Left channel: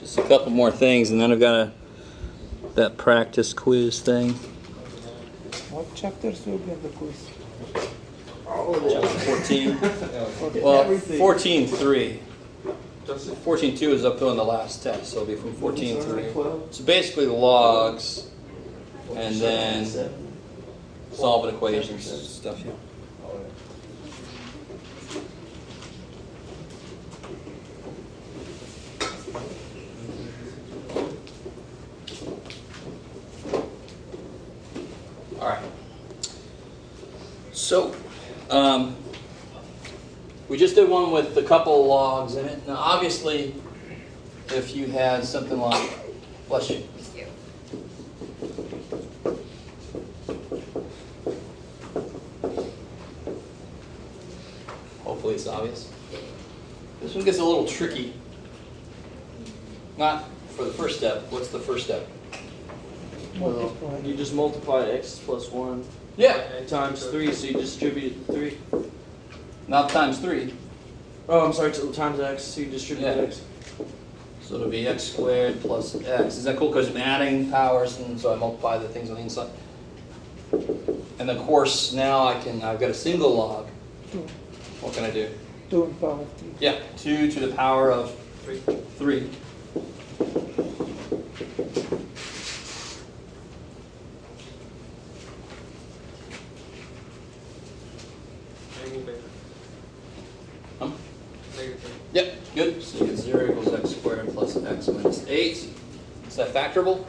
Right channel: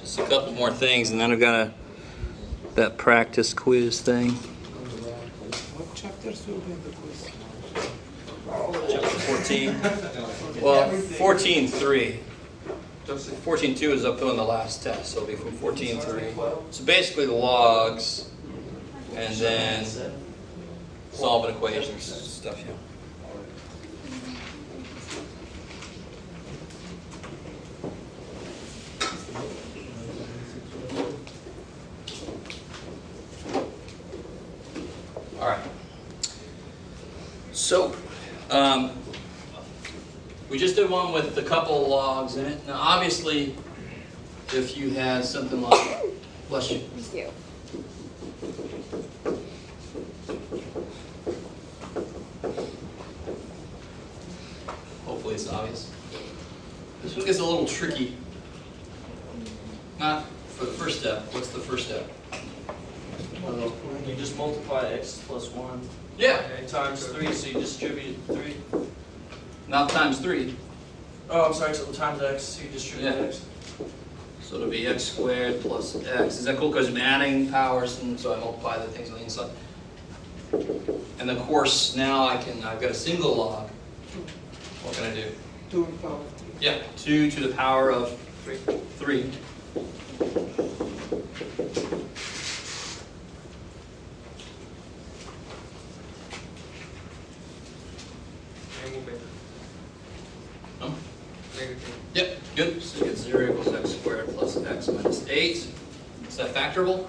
Just a couple more things, and then I've got that practice quiz thing. What chapters will be in the quiz? Chapter 14. Well, 14.3. 14.2 is up to in the last test, so it'll be from 14.3. So basically the logs, and then solving equations stuff. Yeah. All right. So, we just did one with a couple of logs in it. Now, obviously, if you had something like, bless you. Hopefully it's obvious. This one gets a little tricky. Not for the first step. What's the first step? You just multiply x plus 1 Yeah. times 3, so you distribute 3. Not times 3. Oh, I'm sorry, so times x, so you distribute Yeah. x. So it'll be x squared plus x. Is that cool? Because I'm adding powers, and so I multiply the things on the inside. And of course, now I've got a single log. What can I do? 2 in power 3. Yeah, 2 to the power of 3. Yep, good. So you get 0 equals x squared plus x minus 8. Is that factorable?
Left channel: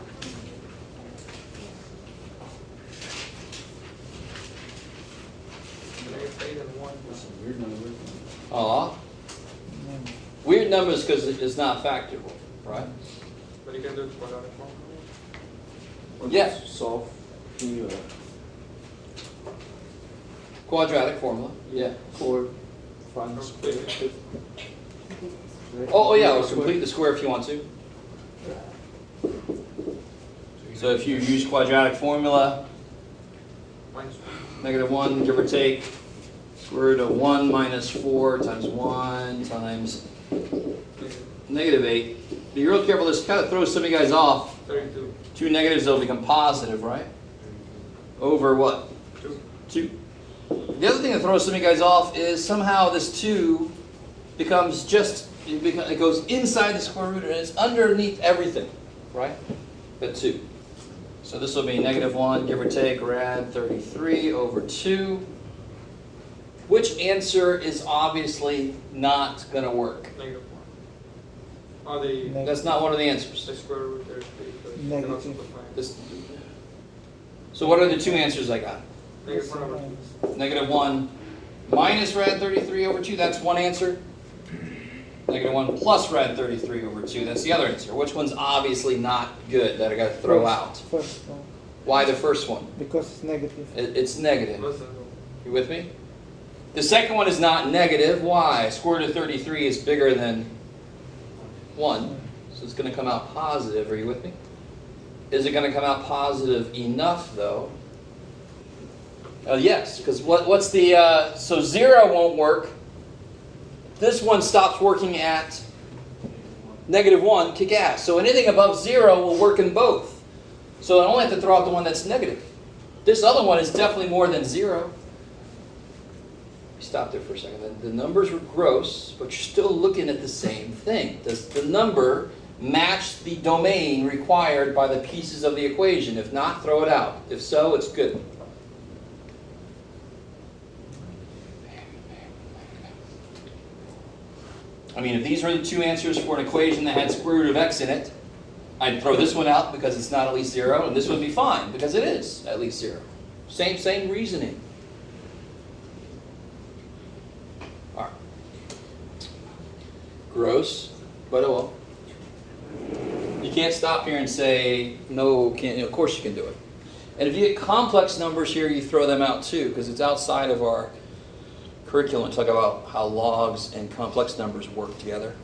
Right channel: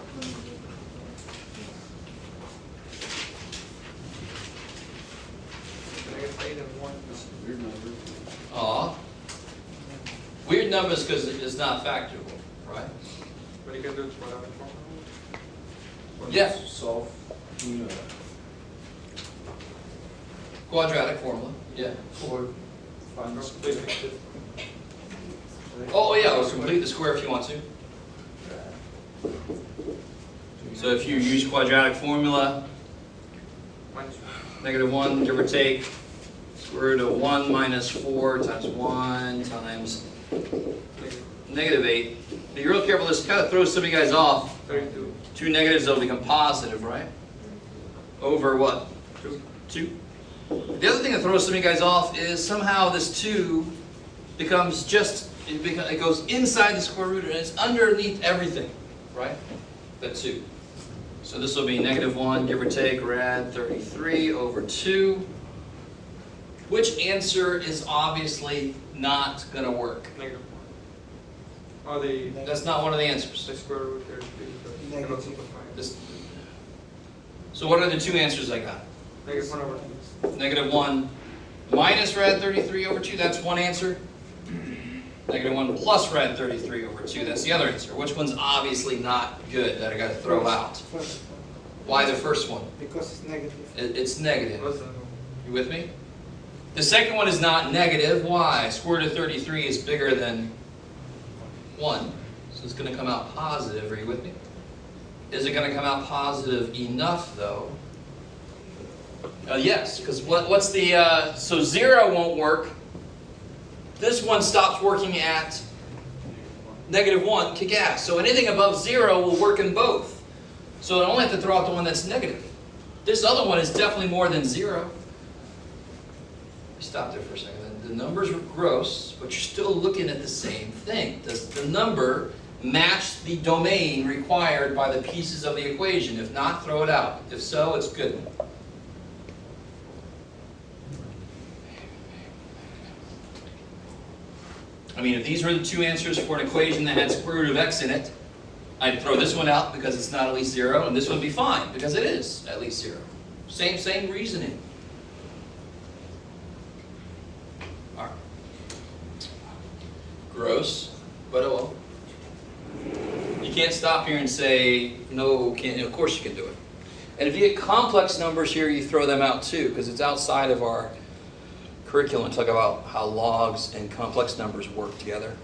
Aw. Weird numbers because it's not factorable, right? But you can do it quadratic form. Yeah. Solve the Quadratic formula. Yeah. or find the square. Oh yeah, let's complete the square if you want to. So if you use quadratic formula, -1, give or take, square root of 1 minus 4 times 1 times -8. Be real careful, this kind of throws some of you guys off. 32. 2 negatives will become positive, right? Over what? 2. The other thing that throws some of you guys off is somehow this 2 becomes it goes inside the square root and it's underneath everything, right? The 2. So this will be -1, give or take, rad 33 over 2. Which answer is obviously not going to work? -1. Or the That's not one of the answers. square root 33. So you can also simplify it. So what are the two answers I got? -1 over -1 minus rad 33 over 2, that's one answer. -1 plus rad 33 over 2, that's the other answer. Which one's obviously not good that I got to throw out? First one. Why the first one? Because it's negative. It's negative. plus You with me? The second one is not negative. Why? Square root of 33 is bigger than 1, so it's going to come out positive. Are you with me? Is it going to come out positive enough, though? Yes, because what's the... so 0 won't work. This one stops working at -1, kick ass. So anything above 0 will work in both. So I only have to throw out the one that's negative. This other one is definitely more than 0. Stop there for a second. The numbers were gross, but you're still looking at the same thing. Does the number match the domain required by the pieces of the equation? If not, throw it out. If so, it's good. I mean, if these were the two answers for an equation that had square root of x in it, I'd throw this one out because it's not at least 0, and this one would be fine because it is at least 0. Same reasoning. All right. Gross, but oh well. You can't stop here and say, no, can't. Of course you can do it. And if you get complex numbers here, you throw them out too, because it's outside of our curriculum to talk about how logs and complex numbers work together.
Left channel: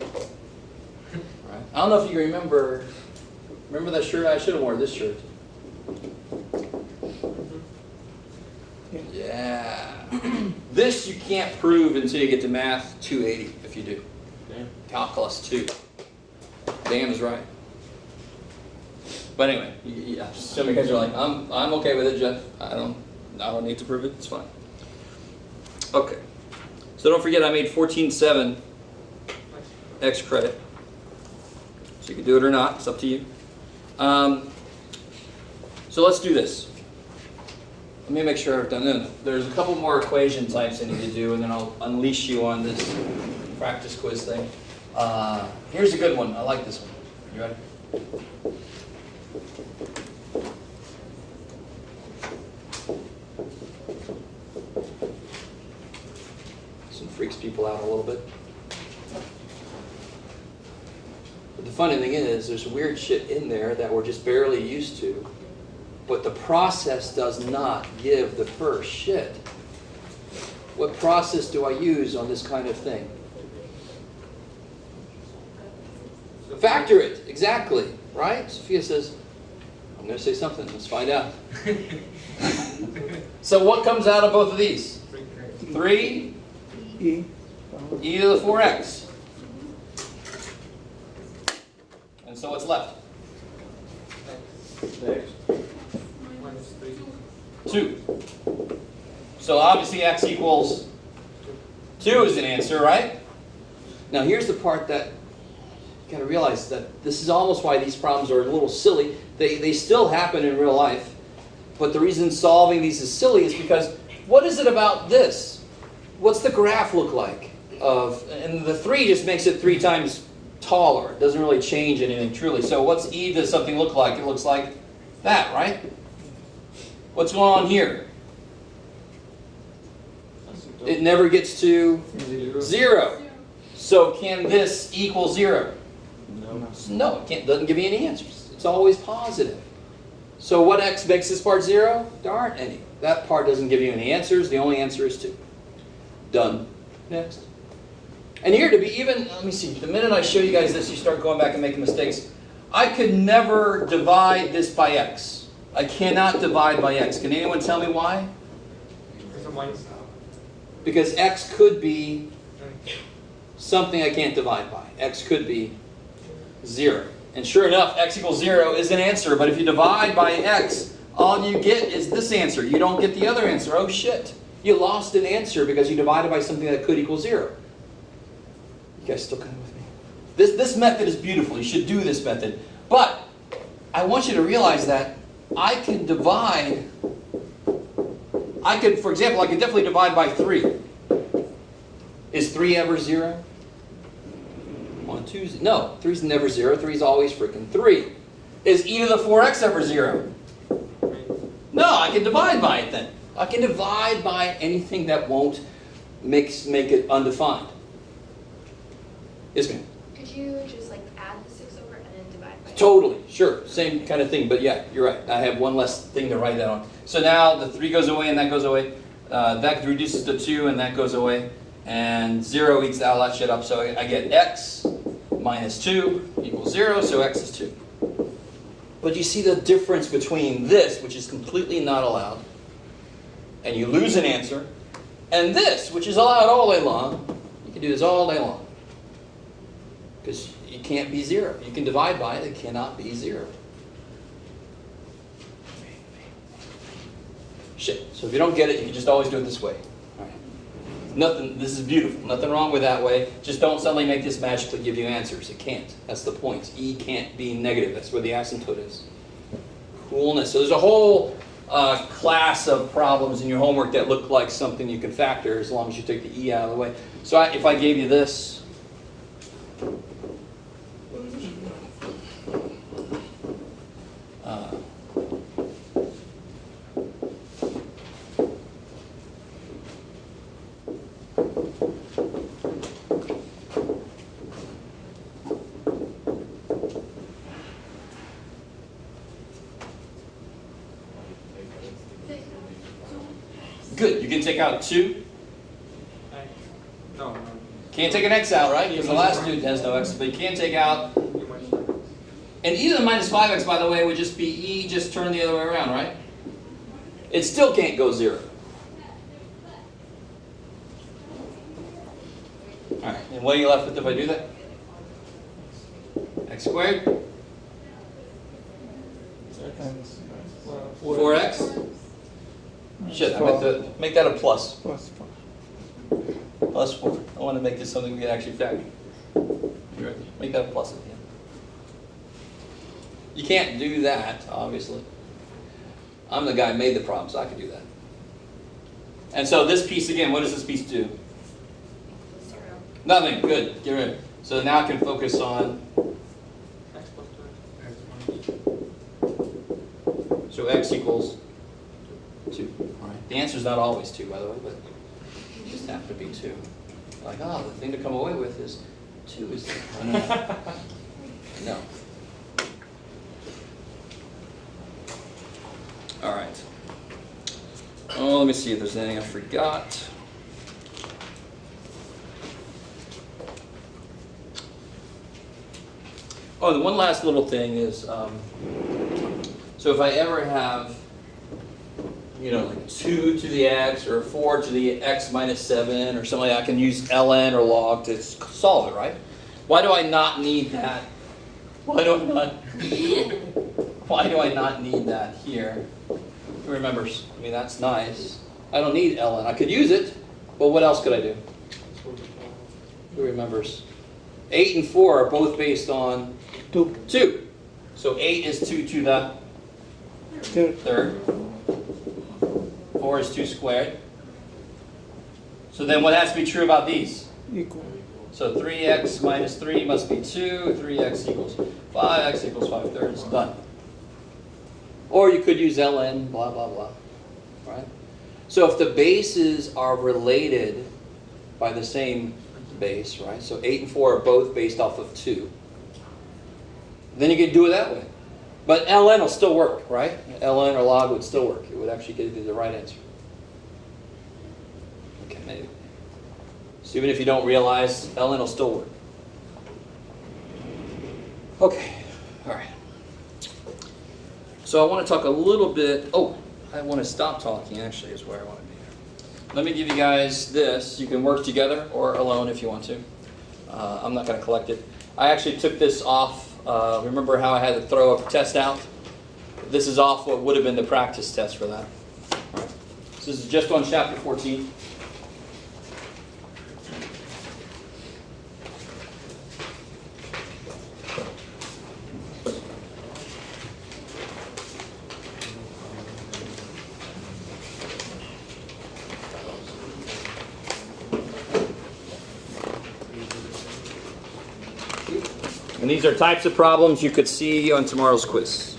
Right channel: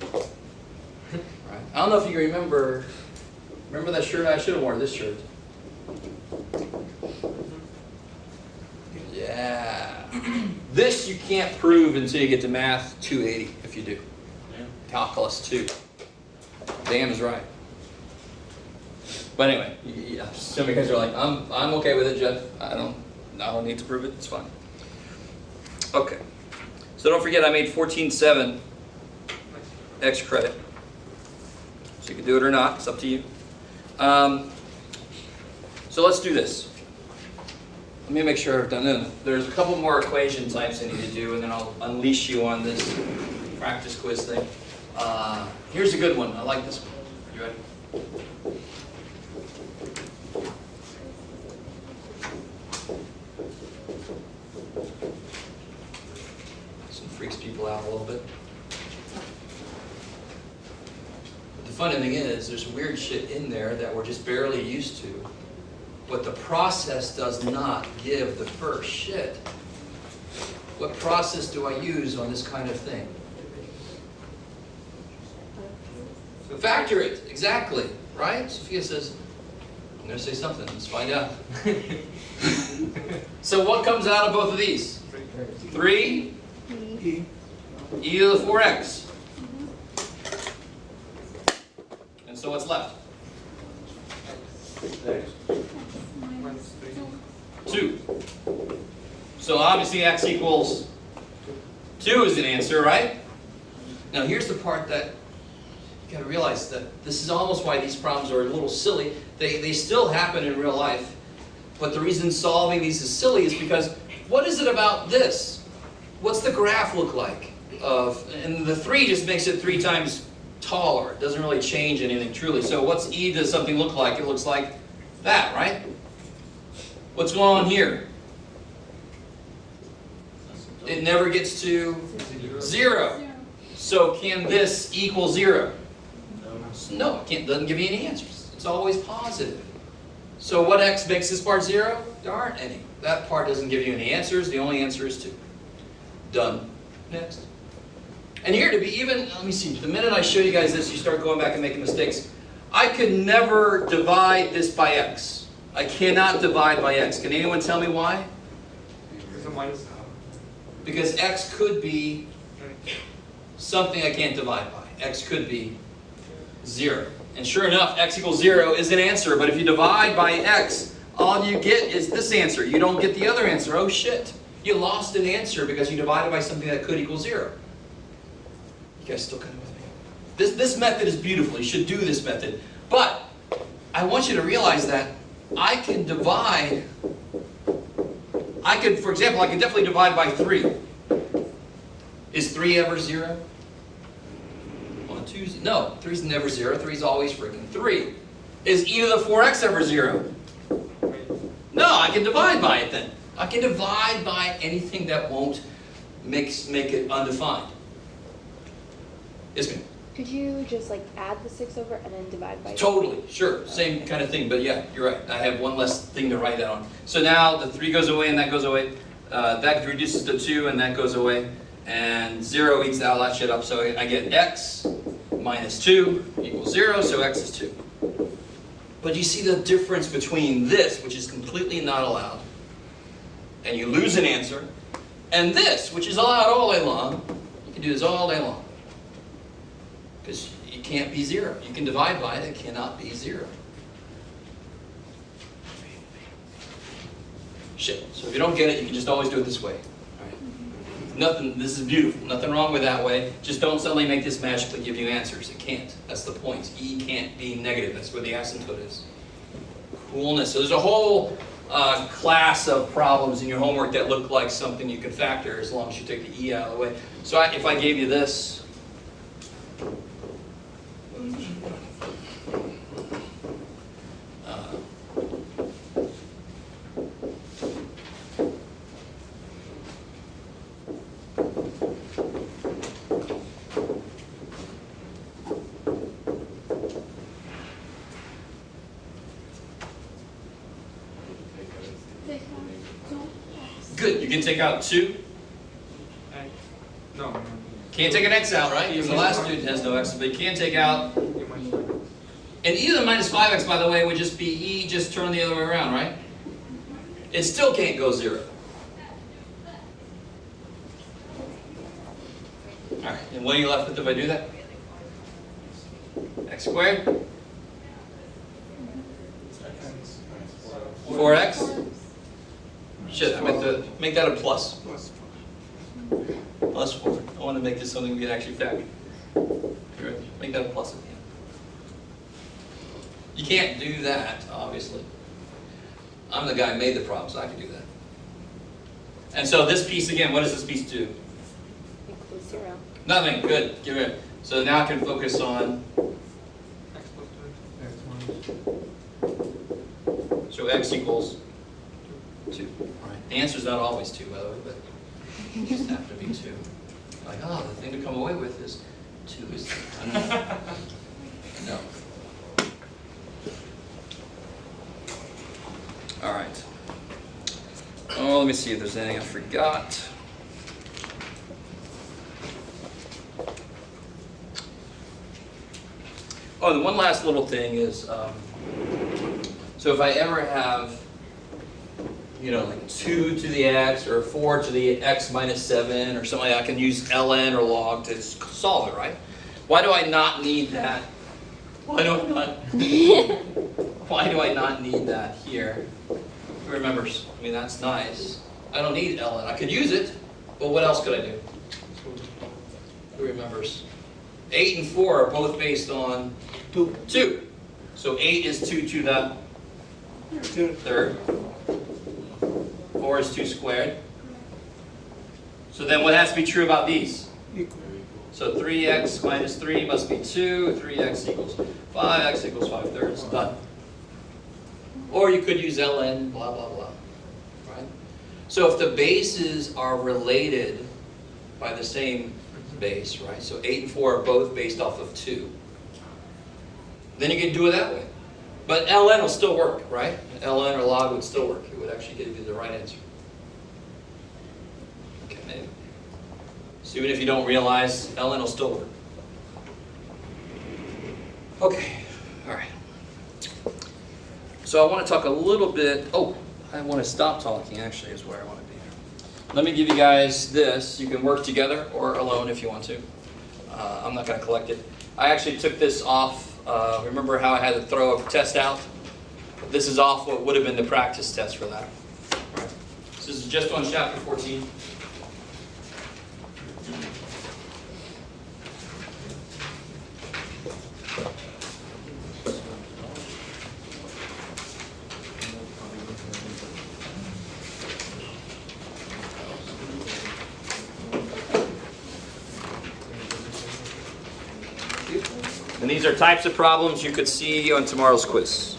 Right. I don't know if you remember that shirt? I should have worn this shirt. Yeah. This you can't prove until you get to Math 280 if you do. Yeah. Calculus 2. Damn is right. But anyway, yeah, some of you guys are like, I'm okay with it, Jeff. I don't need to prove it. It's fine. Okay. So don't forget, I made 14.7 X credit. So you can do it or not. It's up to you. So let's do this. Let me make sure I've done it. There's a couple more equation types I need to do, and then I'll unleash you on this practice quiz thing. Here's a good one. I like this one. You ready? This one freaks people out a little bit. But the funny thing is, there's weird shit in there that we're just barely used to. But the process does not give the first shit. What process do I use on this kind of thing? Factor it, exactly, right? Sophia says, I'm going to say something, let's find out. So what comes out of both of these? 3 E. e to the 4x. And so what's left? Minus 3. 2. So obviously x equals 2 is an answer, right? Now here's the part that you gotta realize that this is almost why these problems are a little silly. They still happen in real life, but the reason solving these is silly is because what is it about this? What's the graph look like? And the 3 just makes it 3 times taller. It doesn't really change anything truly. So what's e does something look like? It looks like that, right? What's going on here? It never gets to 0. So can this equal 0? No, it can't. Doesn't give you any answers. It's always positive. So what x makes this part 0? There aren't any. That part doesn't give you any answers. The only answer is 2. Done. Next. And here to be even, let me see, the minute I show you guys this, you start going back and making mistakes. I could never divide this by x. I cannot divide by x. Can anyone tell me why? There's a minus. Because x could be something I can't divide by. X could be 0. And sure enough, x equals 0 is an answer. But if you divide by x, all you get is this answer. You don't get the other answer. Oh shit. You lost an answer because you divided by something that could equal 0. You guys still kind of with me? This method is beautiful. You should do this method. But I want you to realize that I can divide. For example, I could definitely divide by 3. Is 3 ever 0? 1, 2, no. 3 is never 0. 3 is always freaking 3. Is e to the 4x ever 0? No, I can divide by it then. I can divide by anything that won't make it undefined. Yes, ma'am. Could you just like add the 6 over and then divide by? Totally, sure, same kind of thing. But yeah, you're right. I have one less thing to write that on. So now the 3 goes away and that goes away. That reduces to 2 and that goes away. And 0 eats all that shit up. So I get x minus 2 equals 0. So x is 2. But you see the difference between this, which is completely not allowed, and you lose an answer, and this, which is allowed all day long. You can do this all day long. Because it can't be 0. You can divide by it, it cannot be 0. Shit. So if you don't get it, you can just always do it this way. All right. Nothing, this is beautiful. Nothing wrong with that way. Just don't suddenly make this magically give you answers. It can't. That's the point. E can't be negative. That's where the asymptote is. Coolness. So there's a whole class of problems in your homework that look like something you can factor as long as you take the E out of the way. So if I gave you this, good. You can take out 2. No. Can't take an x out, right? Because the last dude has no x, but you can take out. And e to the minus 5x, by the way, would just be e just turn the other way around, right? It still can't go 0. Alright, and what are you left with if I do that? X squared? And 4x? Shit, I meant to make that a plus. plus 4. Plus 4. I want to make this something we can actually factor. Make that a plus at the end. You can't do that, obviously. I'm the guy who made the problem, so I can do that. And so this piece again, what does this piece do? Equals 0. Nothing. Good. Get rid of it. So now I can focus on. X plus 2. So x equals 2. All right. The answer's not always 2, by the way, but it just happens to be 2. Like, oh, the thing to come away with is 2 is. No. All right. Oh, let me see if there's anything I forgot. Oh, the one last little thing is, so if I ever have, like 2 to the x or 4 to the x minus 7 or something like that, I can use ln or log to solve it, right? Why do I not need that? Why do I not need that here? Who remembers? I mean, that's nice. I don't need ln. I could use it, but what else could I do? Who remembers? 8 and 4 are both based on 2. So 8 is 2 to the third. 4 is 2 squared. So then what has to be true about these? Equal. So 3x minus 3 must be 2. 3x equals 5. X equals 5/3. Done. Or you could use ln, blah, blah, blah. Right? So if the bases are related by the same base, right? So 8 and 4 are both based off of 2. Then you can do it that way. But ln will still work, right? ln or log would still work. It would actually give you the right answer. Okay, maybe. So even if you don't realize, ln will still work. Okay, all right. So I want to talk a little bit. Oh, I want to stop talking, actually, is where I want to be here. Let me give you guys this. You can work together or alone if you want to. I'm not going to collect it. I actually took this off. Remember how I had to throw a test out? This is off what would have been the practice test for that. All right. So this is just on chapter 14. And these are types of problems you could see on tomorrow's quiz.